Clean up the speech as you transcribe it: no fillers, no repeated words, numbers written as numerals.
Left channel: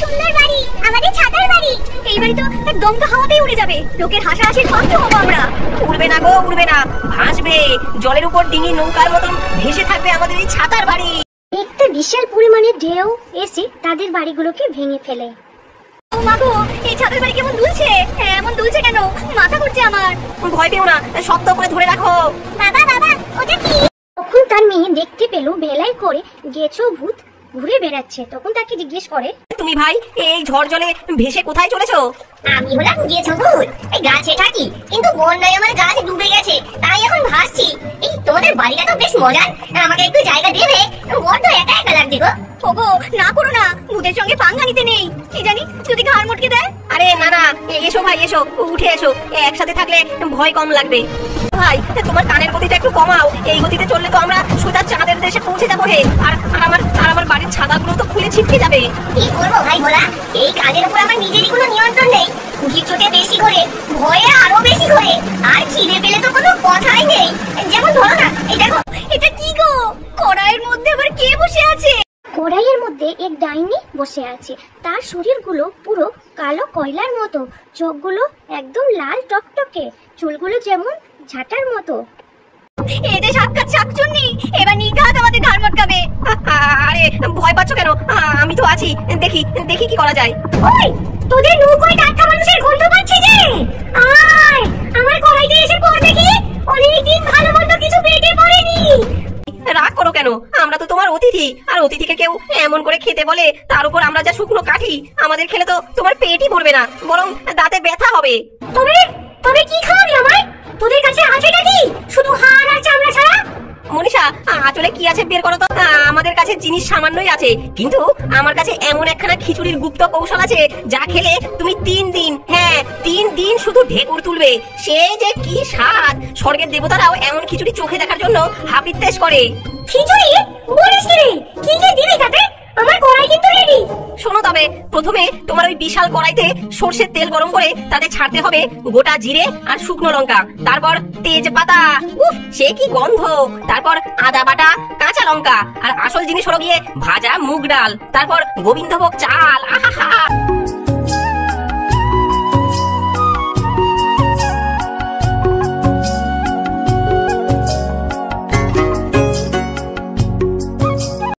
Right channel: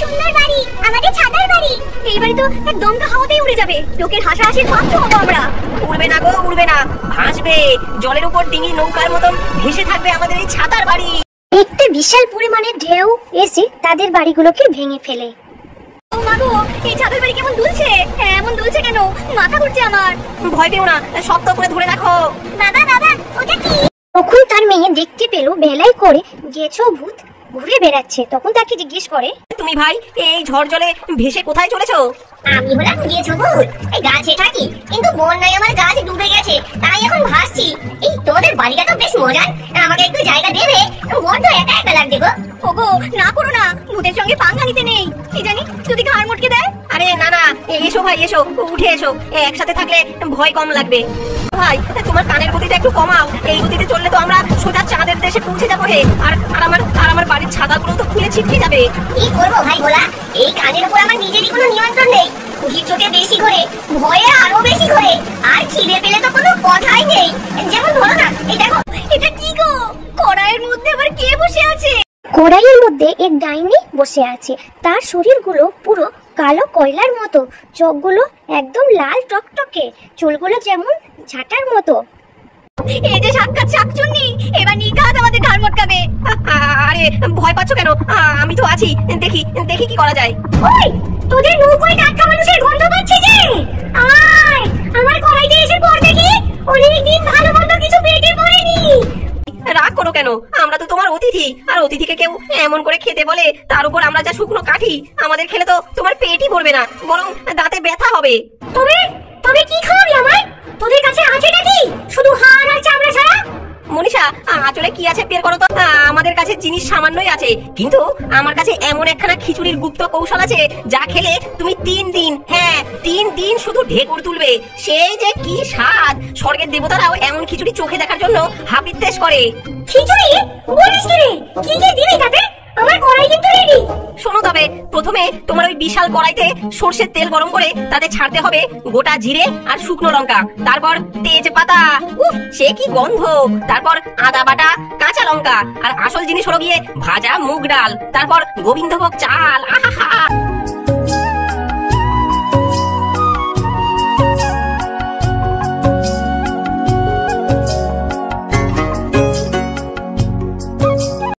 সুন্দর বাড়ি, আমাদের ছাতার বাড়ি। এই বাড়ি তো এক দমকা হাওয়াতেই উড়ে যাবে, লোকের হাসাহাসির পাত্র হবো আমরা। উড়বে না গো, উড়বে না, ভাসবে, জলের উপর ডিঙি নৌকার মতন ভেসে থাকবে আমাদের এই ছাতার বাড়ি। একটি বিশাল পরিমাণের ঢেউ এসে তাদের বাড়িগুলোকে ভেঙে ফেলে। ও মা গো, এই ছাতার বাড়ি কেমন দুলছে, এমন দুলছে কেন? মাথা ঘুরছে আমার। ভয় পেও না, শক্ত করে ধরে রাখো। বাবা বাবা, ওটা কি? তখন তার মেয়ে দেখতে পেল ভেলায় করে গেছো ভূত ঘুরে বেড়াচ্ছে। তখন তাকে জিজ্ঞেস করে, তুমি ভাই এই ঝড় জলে ভেসে কোথায় চলেছো? আমি হলাম গেছো ভূত, এই গাছে থাকি, কিন্তু বন্যায় আমার গাছ ডুবে গেছে, তাই এখন ভাসছি। এই তোমাদের বাড়িটা তো বেশ মজার, আমাকে একটু জায়গা দেবে? বড্ড একা একা লাগছে গো। ওগো না করো না, ভূতের সঙ্গে পাঙ্গা নিতে নেই, কি জানি যদি ঘাড় মটকে দেয়। আরে না না, এসো ভাই এসো, উঠে এসো, একসাথে থাকলে ভয় কম লাগবে। ভাই তোমার কানের গতিটা একটু কমাও, এই গতিতে চললে তো আমরা সোজা চাঁদের দেশে পৌঁছে যাবো হে। আর আমার বাড়ির ছাতাগুলো তো খুলে ছিটকে যাবে। কি করবো ভাই বলা, এই কানের উপর আমার নিজেরই কোনো নিয়ন্ত্রণ নেই। খুশির চোটে বেশি করে, ভয়ে আরো বেশি করে, আর খিদে পেলে তো কোনো কথাই নেই। যেমন ধরো না, এই দেখো, এটা কি গো? কড়াইয়ের মধ্যে আবার কে বসে আছে? কড়াইয়ের মধ্যে এক ডাইনি বসে আছে। তার শরীরগুলো পুরো কালো কয়লার মতো, চোখগুলো একদম লাল টকটকে, চুলগুলো যেমন ঝাঁটার মতো। এই যে সাক্ষাৎ শাকচুন্নি, এবার নিঘাত আমাদের ঘাড় মটকাবে। আরে ভয় পাচ্ছ কেন? আমি তো আছি, দেখি দেখি কি করা যায়। ওই তোদের নৌকায় টাটকা মানুষের গন্ধ পাচ্ছি যে, আয় আমার কড়াইতে এসে পড় দেখি। অনেকদিন ভালো মন্দ কিছু পেটে পড়েনি। রাগ করো কেন? আমরা তো তোমার অতিথি, আর অতিথিকে কেউ এমন করে খেতে বলে, তার উপর আমরা যা শুকনো কাঠি, আমাদের খেলে তো তোমার পেটই ভরবে না, বরং দাঁতে ব্যথা হবে। তবে তবে কি খাওয়াবি আমায়? তোদের কাছে আছেটা কি? শুধু হাড় আর চামড়া ছাড়া? মনীষা, আঁচলে কি আছে বের করো তো। আমাদের কাছে জিনিস সামান্যই আছে, কিন্তু আমার কাছে এমন একখানা খিচুড়ির গুপ্ত কৌশল আছে, যা খেলে তুমি 3 দিন, হ্যাঁ 3 দিন শুধু ঢেকুর তুলবে। সে যে কি স্বাদ! স্বর্গের দেবতারাও এমন খিচুড়ি চোখে দেখার জন্য হাপিত্তেশ করে। খিচুড়ি বলিস কি রে? কি কি দিবি তাতে? আমার কড়াই কিন্তু রেডি। শোনো, তবে প্রথমে তোমার ওই বিশাল কড়াইতে সরষের তেল গরম করে তাতে ছাড়তে হবে গোটা জিরে আর শুকনো লঙ্কা, তারপর তেজপাতা, উফ সে কি গন্ধ, তারপর আদা বাটা, কাঁচা লঙ্কা, আর আসল জিনিস হলো গিয়ে ভাজা মুগ ডাল, তারপর গোবিন্দভোগ চাল। আহা।